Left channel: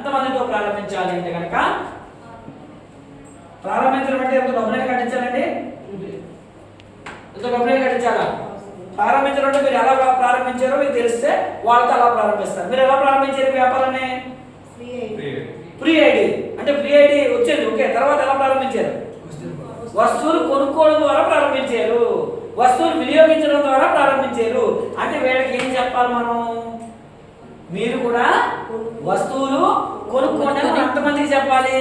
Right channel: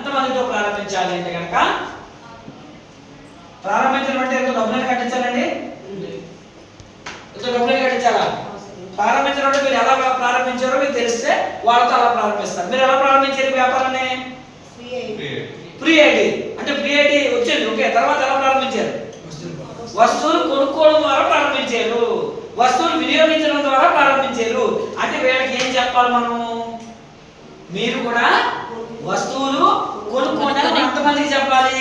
ఎంతమందితో ప్రారంభించాలి అంటే కనుక ప్రారంభించడం అంటే ఎంత డబ్బులు కట్టించాలండి? ఎంత డబ్బులు కట్టించాలా? ప్రారంభించడం అంటే మీరు ఎలా ప్రారంభించారో మీకు తెలిస్తే వాళ్ళతో అలా ప్రారంభిస్తారు. మీరు ఎలా ప్రారంభించారు వ్యాపారాన్ని? ఫ్రీ ఐడి అంటే ఫ్రీ ఐడి వచ్చింది, ఓకే. తర్వాత ఎలా ప్రారంభించారు? వస్తువులు కొనుక్కోవడం ద్వారా ప్రారంభించారు, వస్తువులు వినియోగించడం ద్వారా ప్రారంభించారు. అంటే వీళ్ళకి ఏం చెప్పాలి మనము? మీరు కూడా వస్తువులు కొనుక్కోండి అని ఎంతమందికి చెప్పాలి?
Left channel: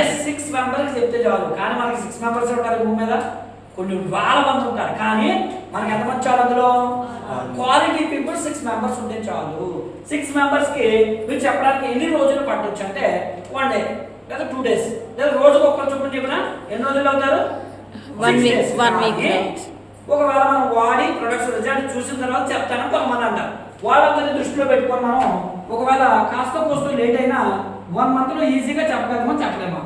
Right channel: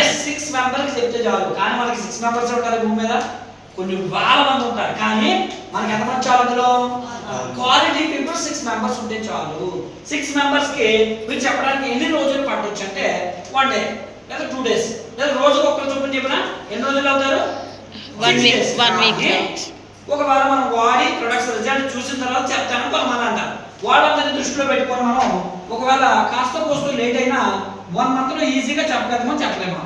ఎస్, 6 మెంబర్స్ చెప్తే చాలు. కానీ మనకి 6 మెంబర్స్ ఉంటారు భూమి మీద, కొన్ని వేల మంది ఉంటారు. కానీ మనకి ఎంతమంది చాలు? అందులో క్వాలిటీ పీపుల్ 6 మెంబర్స్ ఉంటే చాలు. 6 మెంబర్స్ కి మీరు చెప్పడానికి ఎన్ని రోజులు పట్టొచ్చు అంటే 1 డే లేదా 2 days లేదా రోజుకు ఒక్కరు చొప్పున చెప్పినా ఎన్ని రోజులు అవుతారు? 1 week. ఒకవేళ మనం వాడి ప్రొడక్ట్స్ రిజల్ట్ చూసిన తర్వాత చెప్తాను కొంతమంది అంటారు. వాళ్ళందరినీ దృష్టిలో పెట్టుకొని మనం ఒకవేళ కాస్త కోస్త లేట్ అయినా 1 month లో ఈజీగా చెప్పగలమని చెప్పలేమా?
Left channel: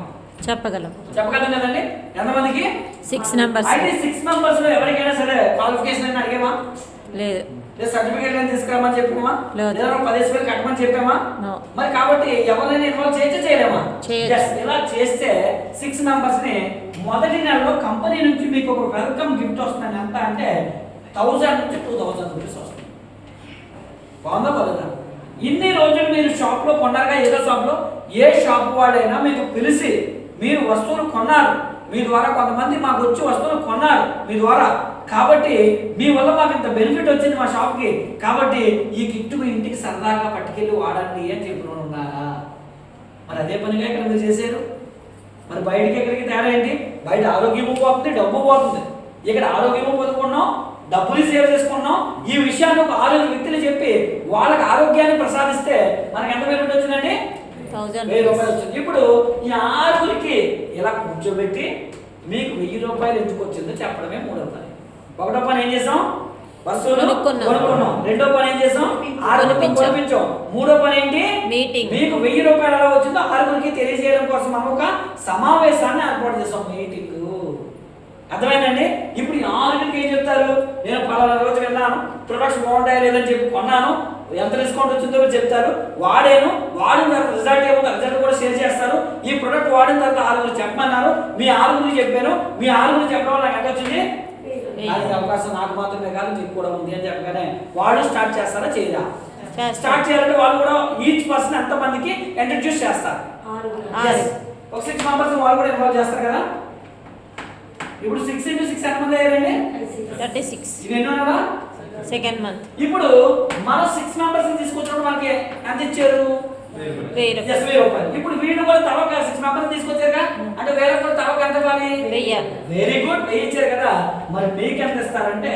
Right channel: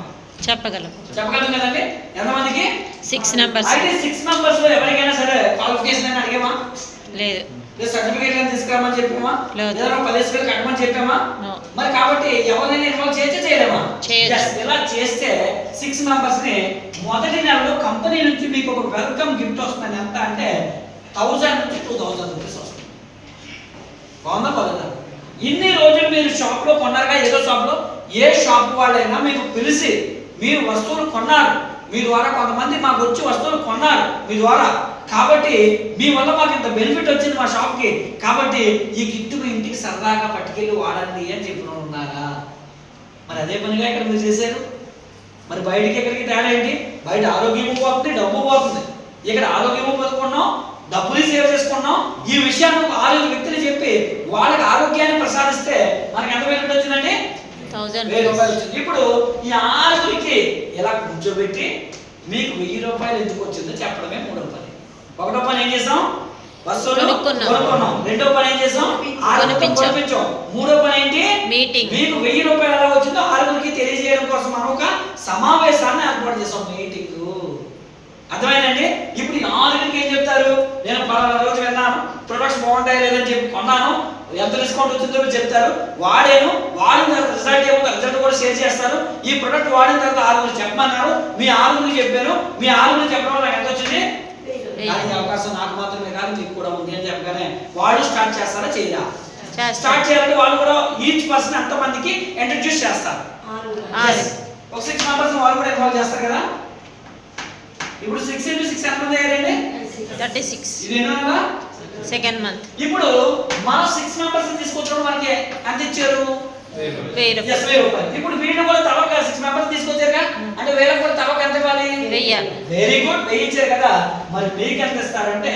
చెప్పగలం కదండి. ఎంతమందికి? 6 members. అయితే 6 members లో ఎవరికైనా సరే క్వాలిఫికేషన్ అని అడిగామా? లేదు. సర్టిఫికేట్ అని తీసుకురామని చెప్పామా? లేదా 10,000 కట్టమని చెప్పామా? మరి కాబట్టి ఎవరైనా ఇన్వాల్వ్ చేయలేమా? ఇలా చేస్తే 6 members ని మొదటి నెలలో కంపెనీ నుంచి మీకు ఒక వెల్కమ్ గిఫ్ట్ వస్తుంది. ఎంత అంటే 1000 నుంచి 2000 రూపీస్ వస్తుంది. బాగుందా బాగుందా? ఇన్ని రోజులు మీరు షాప్ లో కొన్నారుగా, ఏదో షాప్ లో, ఏ షాప్ వాళ్ళైనా మీకు పిలిచి మీరు వస్తువులు కొన్నారు, మీ ద్వారా కొంతమంది మాకు వచ్చి వస్తువులు కొన్నారు మీ ద్వారా, కాబట్టి మీ వల్ల మాకు ఇంత బెనిఫిట్ వచ్చింది మా షాప్కి, కాబట్టి ఈ గిఫ్ట్ మీ ఇంటికి సరదాగా పట్టుకెళ్ళి వాడండి అని చెప్పిన ఉన్నారా? మరి అదే పనిగా ఇక్కడ మీరు చేశారు. మరి బయటికి ఎక్కడికి తేడా ఏంటి? బయట ఆరోగ్యము పోతుంది, డబ్బు పోతుంది. ఇక్కడ ఆరోగ్యము పొందుకున్నాం, డబ్బులు సేవ్ చేసుకున్నాం. ఈ విషయాన్ని ఒక 6 వ్యక్తులు చెప్పి వాళ్ళకి ఆరోగ్యాన్ని ప్రసాదిస్తే మనకి ఎంత బెనిఫిట్ వచ్చిందండి? 1000 రూపాయలు వచ్చింది. ఇప్పుడు ఈ 6కి ఇలా కూర్చోబెట్టి మీకు 1000 రూపాయలు ఎందుకు వచ్చిందో చెప్పడమే 3వ పని. 1వ పని ఏం చేసాం? వస్తువులు కొనుక్కున్నాం. 2వ పని ఏం చేసాం? 6 కొనిపించాం. 3వ పని ఏంటి? మీకు 1000 రూపాయలు ఎలా వచ్చిందో 6కి తెలియజేయడం కోసం మనం ఒక సమావేశాన్ని ఏర్పాటు చేసాం, మీటింగ్. అర్థమైందండి? ఇప్పుడు 6కి ఏం చెప్తారు? నేను పలానా రోజు విన్నాను, ప్రొడక్ట్స్ బాగుంటాయి లేదని చెప్పి కొన్నాను, ఎంత డిస్కౌంట్ వచ్చిందో చెప్తారు, వాడిన తర్వాత రిజల్ట్ ఏమో రిజల్ట్ కూడా షేర్ చేస్తారు. ఈ ప్రొడక్ట్ వాడిన తర్వాత 6 చెప్పమన్నారు, మీ 6 చెప్పాను, మీ 6 చెప్పడం వల్ల ఎంత వచ్చింది? దానికి అవకాశం నాకు మాత్రమే కాదు మీకు కూడా ఉంది అని చెప్పగానే వాళ్ళు స్టార్ట్ చేస్తారా చేయరా? స్టార్ట్ చేయాలంటే వాళ్ళు కూడా ఈచ్ పర్సన్ ఎంతమందికి ఇంట్రడ్యూస్ చేస్తారు. ఒక 6 మెంబర్స్ వాళ్ళు కూడా ఇన్వాల్వ్ చేస్తారు కదా. ఇప్పుడు 6 into 6 ఎంతమంది అయ్యారండి? 36. ఇది ఎన్నో నెల? Second month. ఇప్పుడు మనం 6 మెంబర్స్ తీసుకొచ్చినప్పుడు మనకి ఎంత ఇచ్చారు? 1000 రూపాయలు. ఇప్పుడు వీళ్ళు కూడా తవక 6 మెంబర్స్ తీసుకొచ్చారు కదా, అంటే వీళ్ళకి కూడా తవక ఎంత ఇవ్వాలి? 1000. వెరీ గుడ్, 1000 ఇచ్చారు కదా. మరి మీకు ఎంత ఇస్తారంటే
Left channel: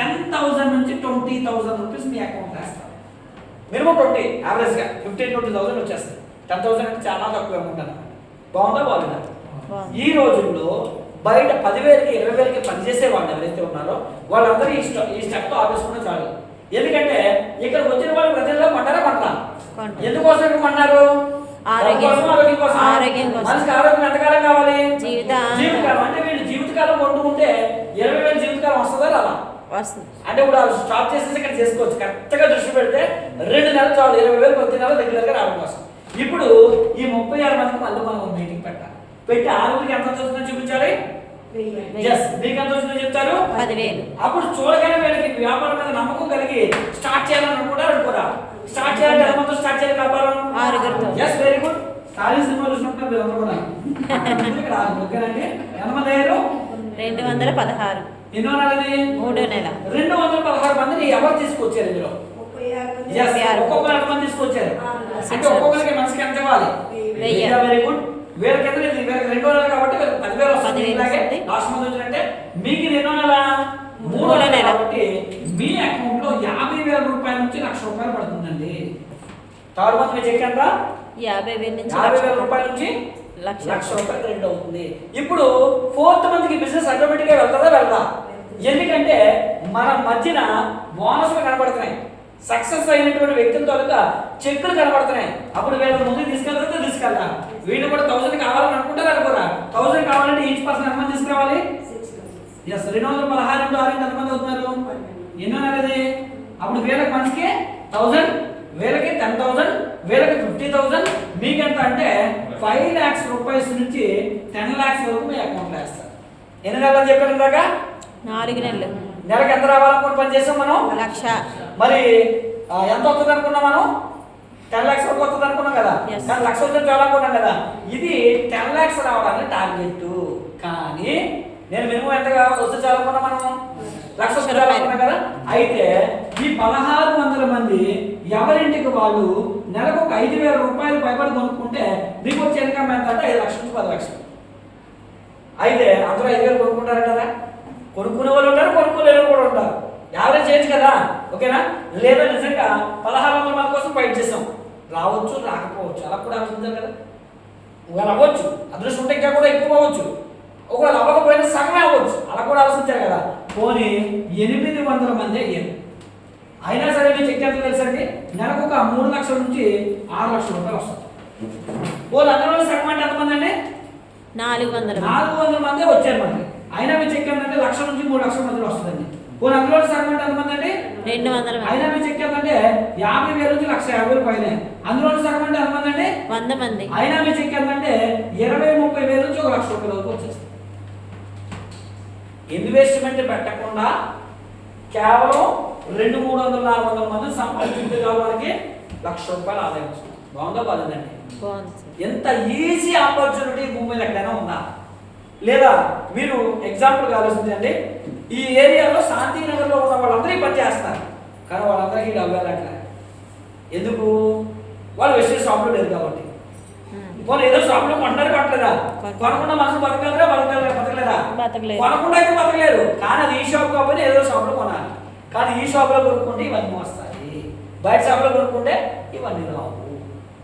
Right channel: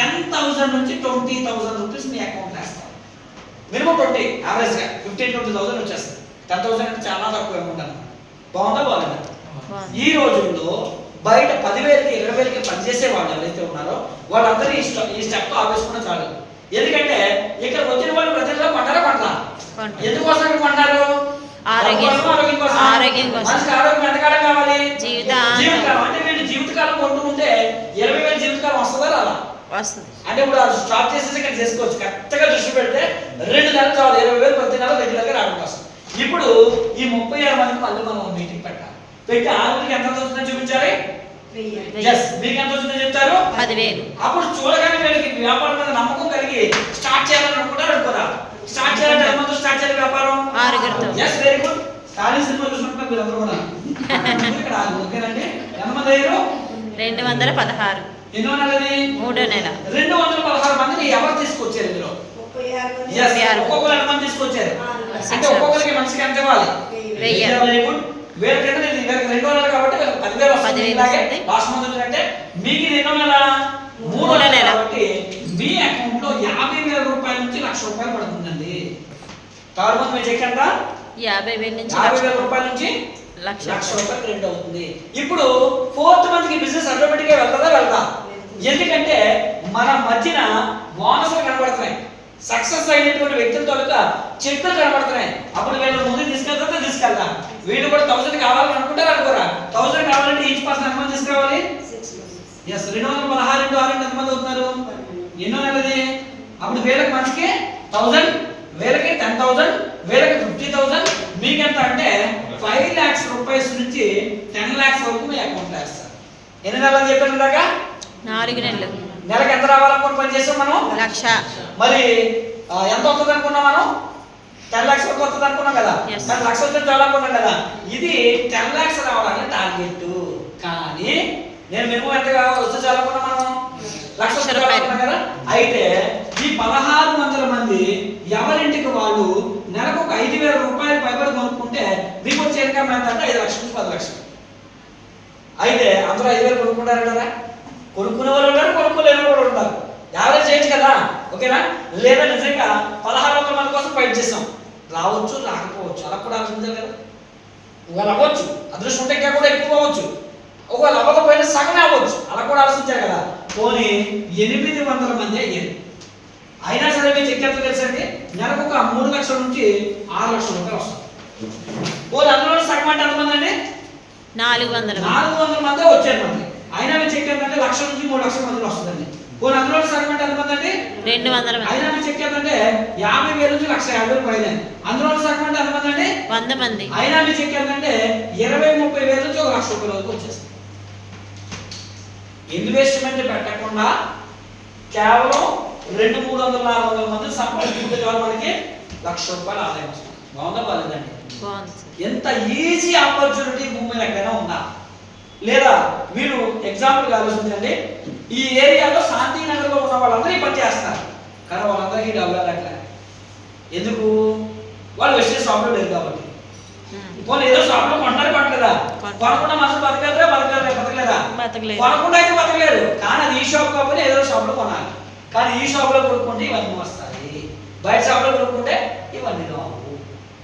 10,000 నుంచి 20,000 రూపీస్ మీ అకౌంట్ వేస్తారు. మినిమం 20, యావరేజ్ గా 15-20,000 వచ్చేస్తుంది. 10,000 అంటే చాలా తక్కువ అమౌంట్ అన్నమాట. బాగుందా బాగుందా? ఈ రోజుల్లో బయట 10,000కి 20,000కి పనిచేసే వాళ్ళు ఎవరైతే ఉన్నారో వాళ్ళందరూ ఈ స్టెప్ ఆపేసుకున్న చాలు. ఎందుకంటే ఇక్కడ వచ్చిన వాళ్ళు ప్రజల్లో కొంటారా? ఎందుకోసం కొన్నారు? ఆరోగ్యం కోసం. మనిషికి ఆరోగ్యం ఎంతకాలం కావాలి? జీవితకాలం. అంటే వీళ్ళు జీవితకాలం కొంటూ ఉంటే 20,000 జీవితకాలం వస్తుందా రాదా? వస్తుంది. అంటే ఇప్పుడు స్టార్ట్ చేసేసి ఇక్కడ చేసుకోవచ్చు. కరెక్ట్గా దృష్టి పెడితే 2 నెలలు చాలు 20,000 ప్రతి నెల రెగ్యులర్గా రావడం కోసం. ఇప్పుడు ఈ 36 మందికి మళ్ళీ మనం మీటింగ్ పెట్టాలి. పెట్టి 6కి ఎంత వస్తుందో చూపించాలి. మీకు ఎంత వస్తుందో చెప్తారు? 10,000. అప్పుడు చూడగానే వీళ్ళకి వ్యాపారం మీద నమ్మకం కలిగి స్టార్ట్ చేయాలని అనుకోరా? స్టార్ట్ చేయాలంటే ఎంతమంది స్టార్ట్ చేయాలి వ్యాపారం? 6 వెరీ గుడ్. స్టాలిన్ సినిమా చూసినప్పుడు మీరు అందరూ కూడా ఇక్కడ ఓకేనండి. ఎంతమంది అయ్యారు? 216. ఎన్నో నెలది? 3వ నెల. 216 మందిని ఎవరు తీసుకొచ్చారు ఇందులో? ఒక్కొక్కరు ఎంతమంది తీసుకొచ్చారు? అంటే ఒక్కొక్కరికి మనిషికి ఎంత ఇవ్వాలి? 1000. Very good. వీళ్ళకంటే వీళ్ళకి 2వ నెల కాబట్టి 10,000 వస్తుంది. లాస్ట్ మంత్ అంటే మీకు 2వ నెల 3వ నెల కాబట్టి మీ అకౌంట్ లో 50,000 రూపాయల నుంచి 1,00,000 రూపాయలు పడుతుందండి. థర్డ్ మంత్ మీ చెక్ ఎంత? 50,000 రూపాయల నుంచి 1,00,000 రూపాయలు క్రెడిట్ అవుతుంది. ఇప్పుడు 4th మంత్కి బిజినెస్ ఆటోమేటిక్ గా వెళ్దా? ఎందుకంటే మన మధ్యన బోనస్లు కనబడుతున్నాయి, సక్సెస్ అయినటువంటి వ్యక్తుల తాలూకా చెక్కులు కనబడుతున్నాయి. అప్పుడు వీళ్ళు ముందు తీసుకెళ్తాం. వీళ్ళు కూడా 1000 కావాలని అనుకుంటారు అనుకోరా? 1000 కావాలంటే ఈచ్ పర్సన్ ఎంతమంది తీసుకురావాలి? 216 into 6 ఎంతమంది అవుతున్నారు? ఎన్నో నెలది? అప్పుడు వీళ్ళకి మనిషికి 1000, వీళ్ళకి 10,000, వీళ్ళకి 50,000, 5 lakhs రూపాయస్ నుంచి 10 lakhs వరకు మీ అకౌంట్లో వేస్తారు. ఎన్ని నెలలు అని చెప్పాను దాకా? 4 నెలలు. నెలకు ఎంత రావాలనుకుని పని చేసాం మనం? 1,00,000. మరి ఎంత వస్తుంది అనుకున్నాం మనం? 10 lakhs వరకు వస్తుంది అనుకున్నాం కదా. Yes. 10 lakhs వస్తే చాలా అనుకున్నాం కదా. ఇది 10 lakhs రావడానికి టార్గెట్. కానీ నేను మేము ఎంతగా వస్తే చాలా అనుకున్నాం మనం? 1,00,000 వస్తే చాలా అనుకున్నాం కదా. అయితే ఈ 1,600 మంది ఎవరింటికి వాళ్ళు నెలకు ఒక 5,000 రూపాయలు పైబడి కొనుక్కుంటే మీకు వచ్చే ఇన్కమ్ ఎంత అంటే 5 లక్షల నుంచి 10 లక్షలు. అయితే అందరూ 5,000 కొనుక్కుంటారంటారా? కొనుక్కునే వాళ్ళు ఉంటారు, కొనుక్కోలేని వాళ్ళు కూడా ఉంటారు. యావరేజ్ చేయొచ్చు కదా, ఓకేనా? లేదా నిజంగా 1,600 మంది కోసం ఫైట్ చేసాం. రావచ్చు, రాకపోవచ్చు, అలా కూడా ఆలోచించాలి కదా. ఒకవేళ అవ్వచ్చు, అదృష్టం ఉంటే ఇంకా కూడా ఎక్కువ అవ్వచ్చు. ఒకవేళ అవ్వకపోయినా సగమే అవ్వచ్చు, అలా కూడా ఆలోచించారు కదా. పోనీ 800 మంది అయ్యారు. అయినా సరే మీకు చెక్కేంత తెలుసండి, నెలకు ఒక 3 లక్షల నుంచి 6 లక్షల రూపాయలు వస్తుంది. పోనీ అందులో సగం అంటే ఎంతమంది అండి? 400 మంది వచ్చారు మనకి. అయినా మీ చెక్ ఏంటంటే 1,00,000 నుంచి 3 లక్షల మందిలో వస్తుందండి. పోనీ అందులో సగం అంటే ఎంతమంది అండి? 200 మంది. అయినా మీ చెక్ ఏంటంటే 50,000 నుంచి 1,50,000 పైన. అందులో సగం అంటే ఎంతమంది అండి? 100 మంది. అయినా మీ చెక్ ఏంటంటే 20,000-30,000 నుంచి 1,00,000 రూపాయల వరకు వచ్చేస్తుంది. ఇన్వెస్ట్మెంట్ పెట్టకుండా కేవలం 200-300-400 మంది సంపాదించుకుంటే చాలు మనకి 1,00,000 రూపాయలు ఆదాయం వస్తుంది. బాగుందా బాలేదండి? బాగుంది. ఎంత ఈజీ ఆపర్చునిటీ భూమి మీద ఎక్కడైనా ఉందా? లేదా మీరు ఎగ్జాంపుల్ ఆలోచించండి. ఈ ఏరియాలో శాంతినగర్లో ఉన్న వాళ్ళందరూ ఈ పని చేస్తారు, కానీ వాళ్ళందరికీ డబ్బులు వెళ్ళట్లే. ఎందుకు? వాళ్ళు వెస్టేజ్ షాప్లో లేరు కాబట్టి. వాళ్ళు ఏదో షాప్లో కొంటారు, కొట్టలేదా? కొనకుండా మనుషులు బతకలేరా? బతకలేరా? కొనకుండా అయితే బతకలేరు, కానీ అది ఈ షాప్ కాబట్టి ఏదో షాప్లో కొనాలి. కానీ ఈ షాప్లో కొనుక్కుంటే ఇవన్నీ వస్తాయి, బయట షాప్లో కొనుక్కుంటే ఇవన్నీ రావు.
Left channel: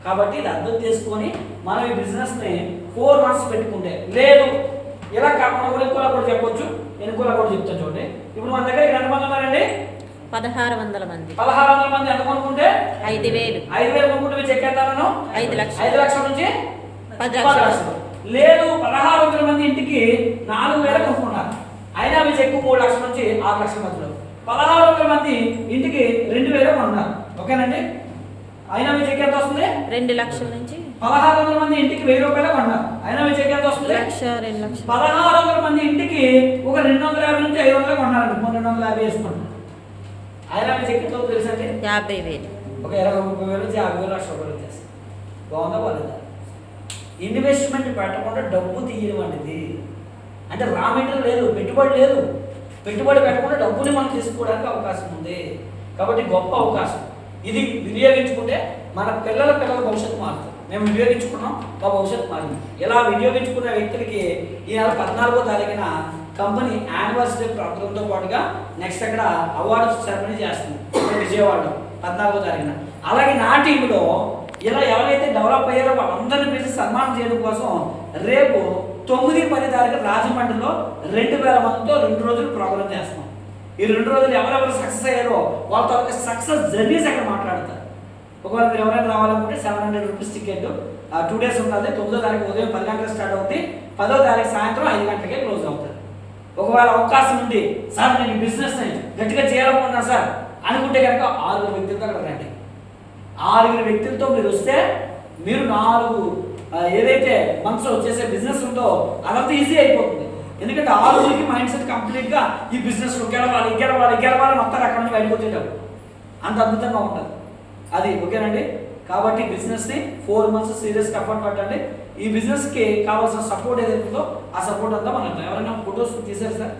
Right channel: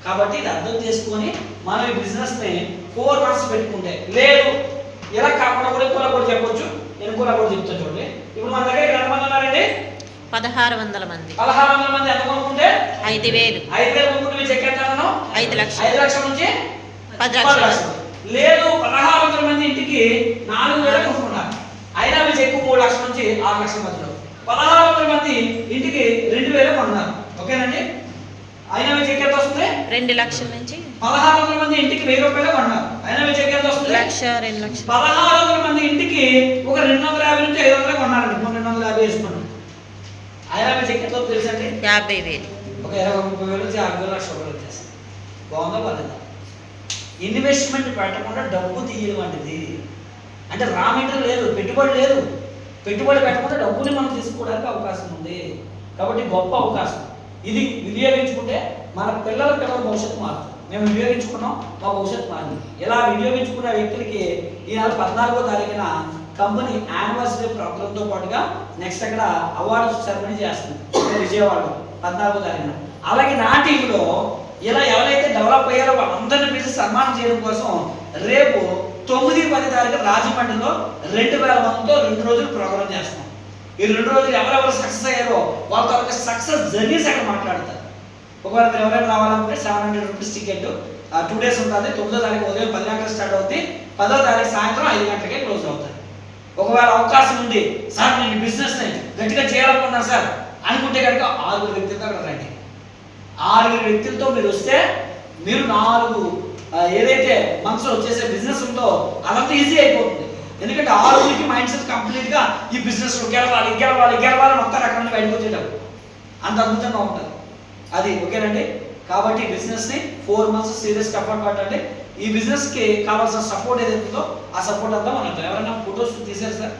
కాబట్టి ఇది అర్థం చేసుకొని మనం ఈ బిజినెస్ని 4 months పెట్టుకుంటే, లేదు ఇలా కాకుండా కూడా ఇంకోలా కూడా చెప్పొచ్చు, ఇంకోలా కూడా చెప్తాను చూడండి. ఇప్పుడు మన దగ్గర ఎంతమంది ఉన్నారండి? 1,600 మంది. 1,600 మంది ఎంత కొనుక్కుంటే 5,000 కొనుక్కుంటే మీరు చెక్ ఎంతనో? 5 లక్షలు. 5 లక్షల నుంచి 10 లక్షలు. లక్షలు. లేదు 1,600 మంది ఇంటికి 4,000 కొనుక్కుంటారు. అయినా మీ చెక్ 3 లక్షల నుంచి 6 లక్షల మధ్యలో. 1,600 మంది ఇంటికి 2,000 కొన్నారు, ఓకేనండి? అయినా మీ చెక్ ఎంత వస్తుంది? 2 లక్షల నుంచి. 1,600 మంది ఇంటికి 1,000 రూపాయలు కొన్నారు. అయినా మీ చెక్ ఎంత వస్తుంది? 1,00,000, 2 లక్షలు. 1,600 మంది ఇంటికి ఒక 250 నుంచి 500 కొన్నారండి. 250 వేసుకోండి. అయినా మీ చెక్ ఎంత తెలుసండి? 50,000. ఒక 20-30 నుంచి 50,000 లక్షల రూపాయలు వచ్చేసి. బాగుందా బాలేదా? ఇన్వెస్ట్మెంట్ పెట్టకుండా డబ్బు తీయడం అనేది అంటే రా మెటీరియల్ లేదు, పెట్టుబడి లేదు. పెట్టుబడి పెట్టకుండా డబ్బుని మనం తీసుకోవడానికి అవకాశం ఉంది. కాబట్టి గొప్ప అవకాశం ఇది. వినియోగించుకుంటే మన పిల్లల భవిష్యత్తు మారుతుంది. మేము వినియోగించుకున్నాం, మా భవిష్యత్తు మారింది. ఇలా వినియోగించుకున్న వ్యక్తులకి ఈ నెల 14వ తారీఖున కంపెనీ యానివర్సరీ ప్రోగ్రామ్తో పాటుగా నెక్స్ట్ అక్కడ అవార్డు సెరమనీ చేస్తుంది విజయవాడలో 14వ తారీఖున. అలాగే నా టీంలో ఇలా ఎవరైతే డెవలప్ అయ్యారో వాళ్ళందరినీ పిలిచి సన్మానం చేయడం కోసం రేపు 9-10 తారీఖు రాజమండ్రిలో 2,000 మందితో 2 రోజులు ప్రోగ్రామ్ చేస్తున్నాం. ఈ 2 రోజులు ఎవరెవరు సక్సెస్ అయ్యారో వాళ్ళతో సక్సెస్ జర్నీస్ అక్కడ మాట్లాడతారు. ఒకవేళ మీరు ఎవరైనా రావాలనుకుంటే 700 రూపీస్ టికెట్ 2 days ఉంటుంది. 9వ తారీఖు ఉదయం 10 గంటలకు స్టార్ట్ అవుతుంది, 10వ తారీఖు సాయంత్రం 5 గంటలకే క్లోజ్ అవుతుంది. ఒకవేళ అవకాశం ఉంది, సార్ నేను బిజినెస్ని గట్టిగా చేయాలనుకున్నాను సార్ అనుకుంటే కనుక 6 వ్యక్తులతో అక్కడ రండి. 6 వ్యక్తులతో మీరు వస్తే మీరు 4 ఏదైతే మనసులో వచ్చేసే బిజినెస్ ఉందో అదంతా ఈజీ అయిపోతుంది. ఎందుకంటే 6 మైండ్ సెట్ కంప్లీట్గా ఈ బిజినెస్ గెలవాలి మొత్తం అక్కడ నుండి బయటకు వచ్చేటప్పుడు అంత అద్భుతంగా ఉంటుంది అది, ఓకేనండి? కాబట్టి బిజినెస్ని 4 months సీరియస్గా ఎఫర్ట్ పట్టండి. ఈ బిజినెస్కి కావాల్సిన సపోర్ట్ ఏదైతే ఉందో ఆ సపోర్ట్ అంతా మనకు. ఎవరైనా ఫొటోస్ తీసారు సార్?